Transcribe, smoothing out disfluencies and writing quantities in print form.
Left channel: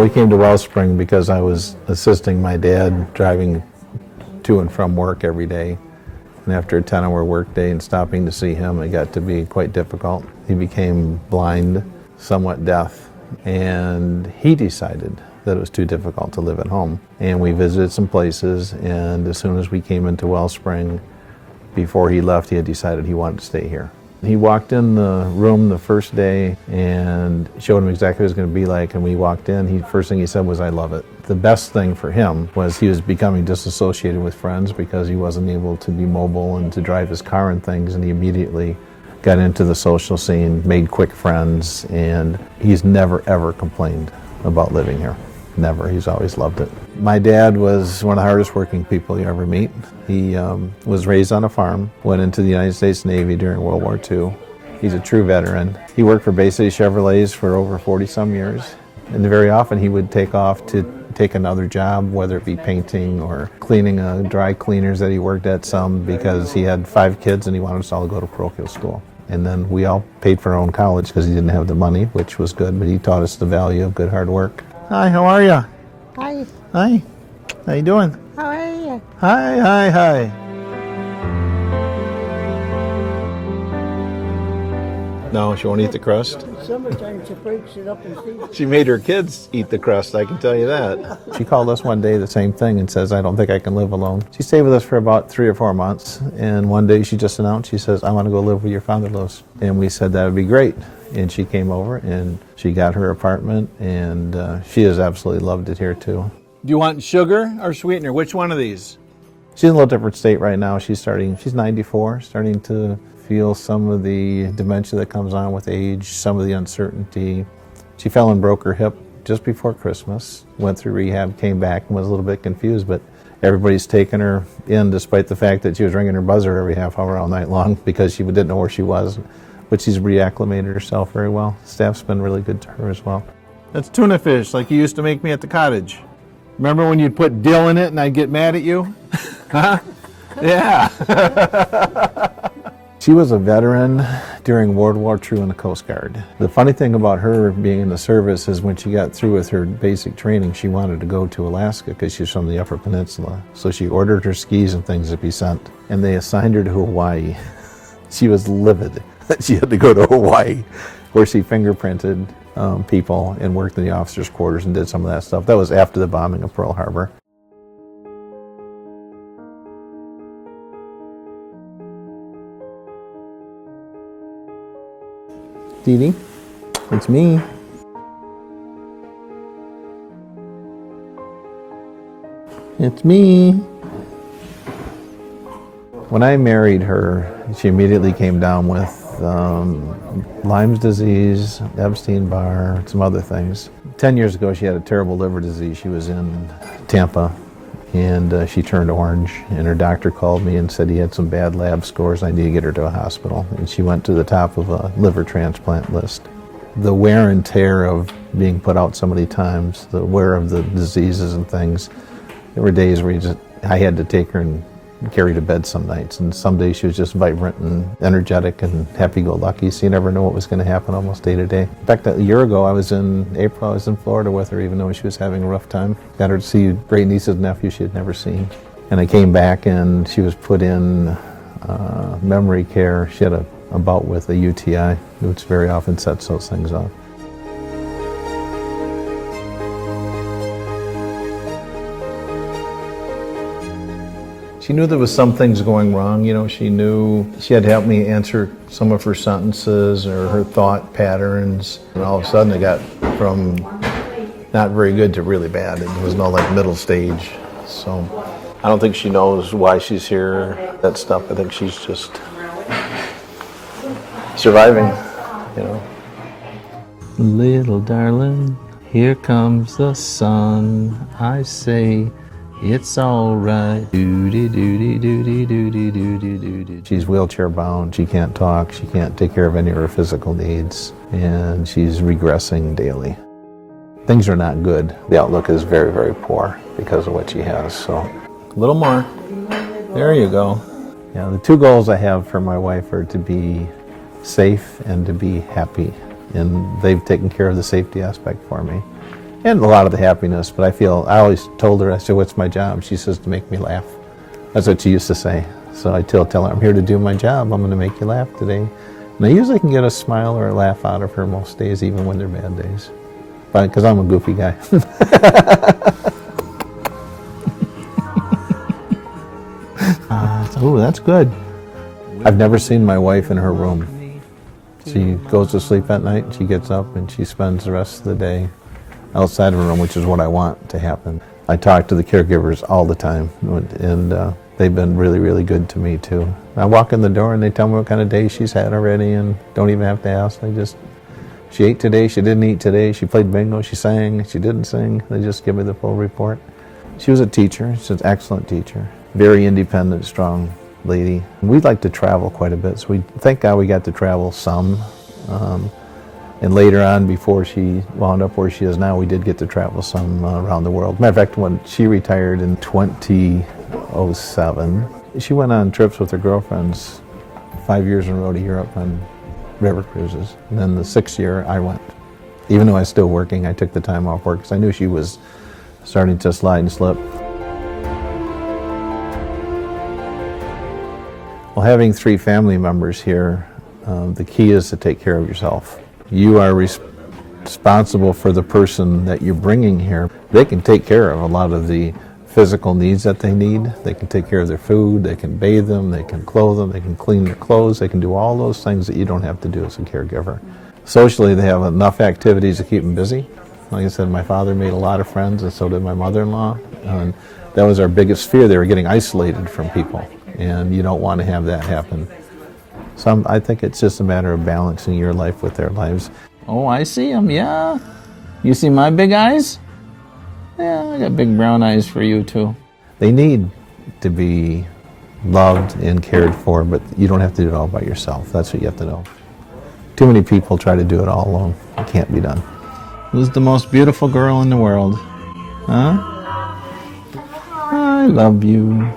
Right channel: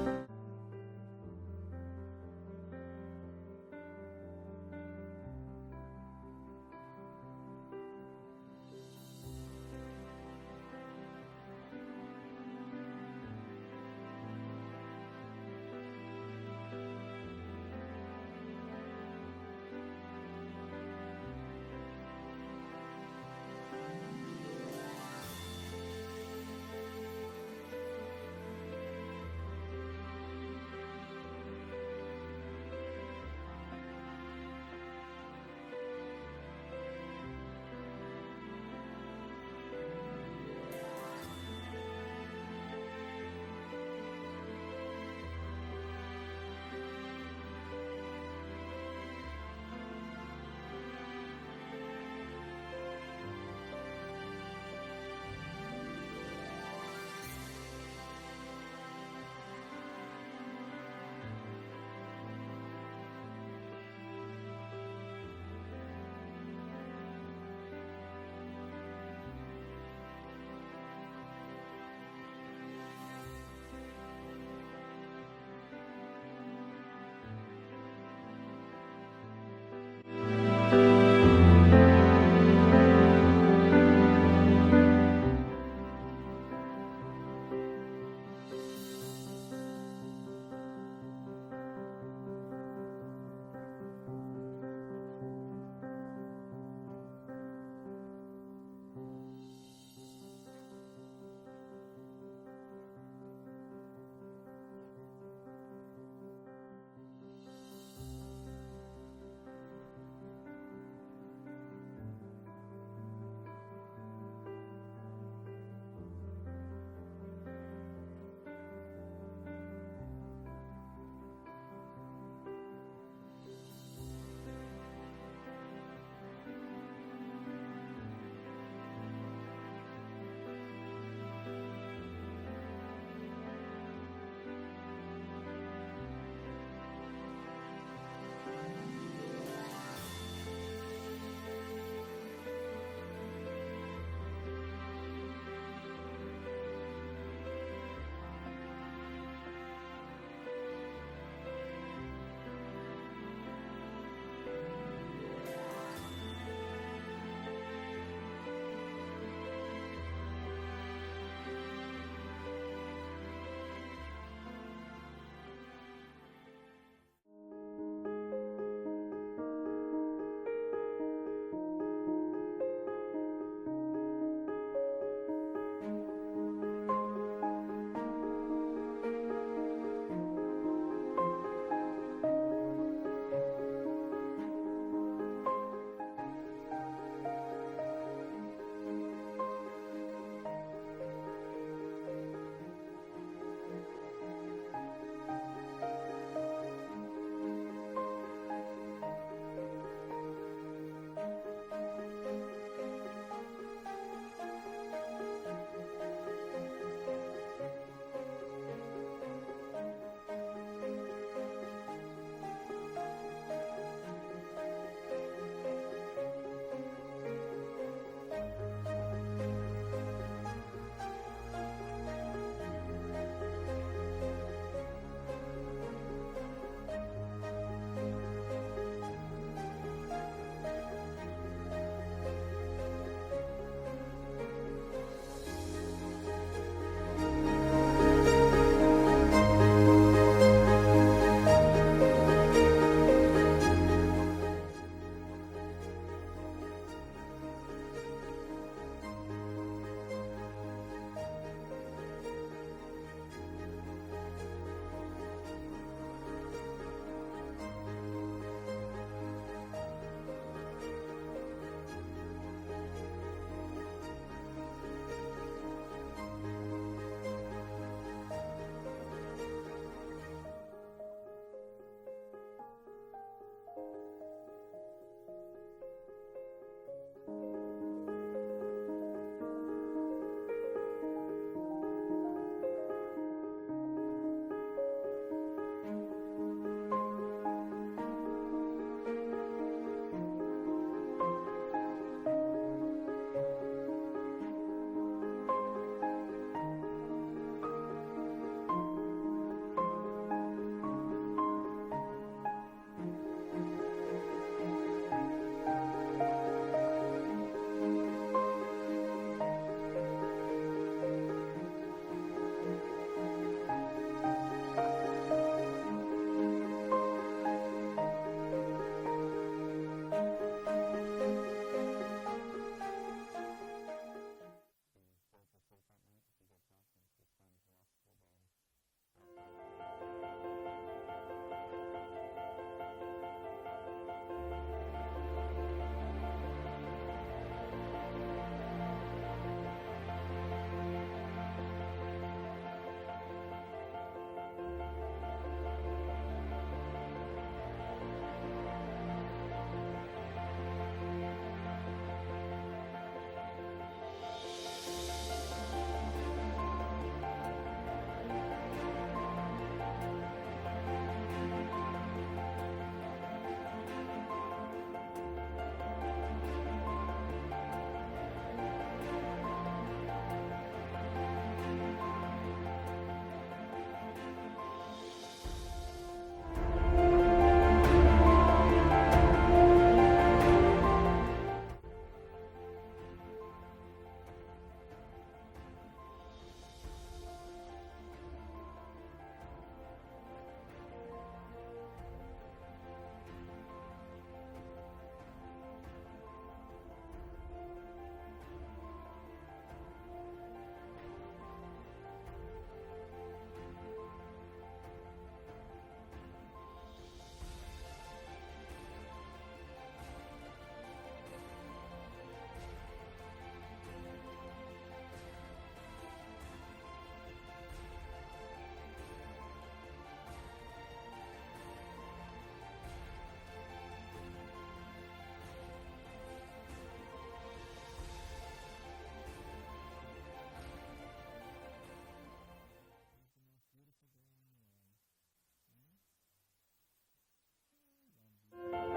We came to Wellspring because I was assisting my dad driving to and from work every day. And after a 10-hour workday and stopping to see him, it got to be quite difficult. He became blind, somewhat deaf, and he decided that it was too difficult to live at home. And we visited some places, and as soon as we came into Wellspring, before he left, he had decided he wanted to stay here. He walked in the room the first day and showed him exactly what it was going to be like, and when he walked in, first thing he said was, "I love it." The best thing for him was he was becoming disassociated with friends because he wasn't able to be mobile and to drive his car and things, and he immediately got into the social scene, made quick friends, and he's never ever complained about living here. Never. He's always loved it. My dad was one of the hardest working people you ever meet. He was raised on a farm, went into the United States Navy during World War II. He's a true veteran. He worked for Bay City Chevrolets for over 40-some years, and very often he would take off to take another job, whether it be painting or cleaning dry cleaners that he worked at some, because he had 5 kids and he wanted us all to go to parochial school. And then we all paid for our own college because he didn't have the money, which was good, but he taught us the value of good hard work. Hi, how are you? Hi. Hi. How you doing? How are you? Hi. No, she won't eat the crust? Summertime she breaks it up and feeds. She made her kids eat the crust, I can tell you that. She called us one day the same thing and says, "I don't think I can live alone." She stayed with us for about 3 or 4 months, and one day she just announced, she says, "I want to go live where your father lives." And we said that would be great. And she came over and she got her apartment, and she has absolutely loved it here too. Do you want sugar or sweetener? Which one of these? She's in a little different state right now. She's 94, starting to feel some of the dementia that comes on with age, some of the uncertainty. She fell and broke her hip just before Christmas, went through rehab, came back and was a little bit confused, but everybody's taken her in despite the fact that she was ringing her buzzer every half hour all night long because she didn't know where she was. But she's reacclimated herself very well. Staff's been really good to her as well. That's tuna fish, like you used to make me at the cottage. Remember when you'd put dill in it and I'd get mad at you? Huh? Yeah. She was a veteran during World War II in the Coast Guard. The funny thing about her being in the service is when she got through with her basic training, she wanted to go to Alaska because she's from the Upper Peninsula. So she ordered her skis and things to be sent, and they assigned her to Hawaii. She was livid that she had to go to Hawaii, where she fingerprinted people and worked in the officers' quarters and did some of that stuff. That was after the bombing of Pearl Harbor. Dee Dee, it's me. It's me. When I married her, she immediately came down with Lyme's disease, Epstein-Barr, some other things. 10 years ago, she had a terrible liver disease. She was in Tampa, and she turned orange, and her doctor called me and said he had some bad lab scores. I need to get her to a hospital, and she went to the top of a liver transplant list. The wear and tear of being put out so many times, the wear of the diseases and things, there were days where I had to take her and carry to bed some nights, and some days she was just vibrant and energetic and happy-go-lucky, so you never know what was going to happen almost day to day. In fact, a year ago, I was in Florida with her, even though she was having a rough time. Got her to see great nieces and nephews she had never seen. And I came back and she was put in memory care. She had a bout with a UTI, which very often sets those things off. She knew there was some things going wrong. You know, she knew she had to help me answer some of her sentences or her thought patterns. And all of a sudden it got from not very good to really bad. There was no middle stage. So I don't think she knows why she's here, that stuff. I think she's just surviving, you know. Little darling, here comes the sun. I say, it's all right. She's wheelchair bound. She can't talk. She can't take care of any of her physical needs. And she's regressing daily. Things are not good. The outlook is very, very poor because of what she has. So a little more. There you go. Yeah, the 2 goals I have for my wife are to be safe and to be happy. And they've taken care of the safety aspect for me. and a lot of the happiness. But I always told her, I said, what's my job? She says, to make me laugh. That's what she used to say. So I tell her, I'm here to do my job. I'm going to make you laugh today. And I usually can get a smile or a laugh out of her most days, even when they're bad days. But because I'm a goofy guy. Oh, that's good. I've never seen my wife in her room. She goes to sleep at night, she gets up, and she spends the rest of the day outside of her room, which is what I want to happen. I talk to the caregivers all the time, and they've been really, really good to me, too. I walk in the door, and they tell me what kind of day she's had already, and don't even have to ask. She ate today, she didn't eat today, she played bingo, she sang, she didn't sing. They just give me the full report. She was a teacher, she's an excellent teacher. Very independent, strong lady. We'd like to travel quite a bit, so thank God we got to travel some. And later on, before she wound up where she is now, we did get to travel some around the world. Matter of fact, when she retired in 2007, she went on trips with her girlfriends 5 years in a row to Europe on river cruises. And then the 6th year, I went. Even though I was still working, I took the time off work because I knew she was starting to slide and slip. Well, having 3 family members here, the key is to take care of yourself. You are responsible for the person that you're bringing here. They can take care of a lot of the physical needs that they need. They can take care of their food, they can bathe them, they can clothe them, they can clean their clothes, they can do all those things that you don't have to do as a caregiver. Socially, they have enough activities to keep them busy. Like I said, my father made a lot of friends, and so did my mother-in-law. And that was our biggest fear. They were getting isolated from people, and you don't want to have that happen. So I think it's just a matter of balancing your life with their lives. Oh, I see them, yeah. You see my big eyes? Yeah, I got big brown eyes for you, too. They need to be loved and cared for, but you don't have to do it all by yourself. That's what you have to know. Too many people try to do it all alone. It can't be done. Who's the most beautiful girl in the world? Huh? I love you.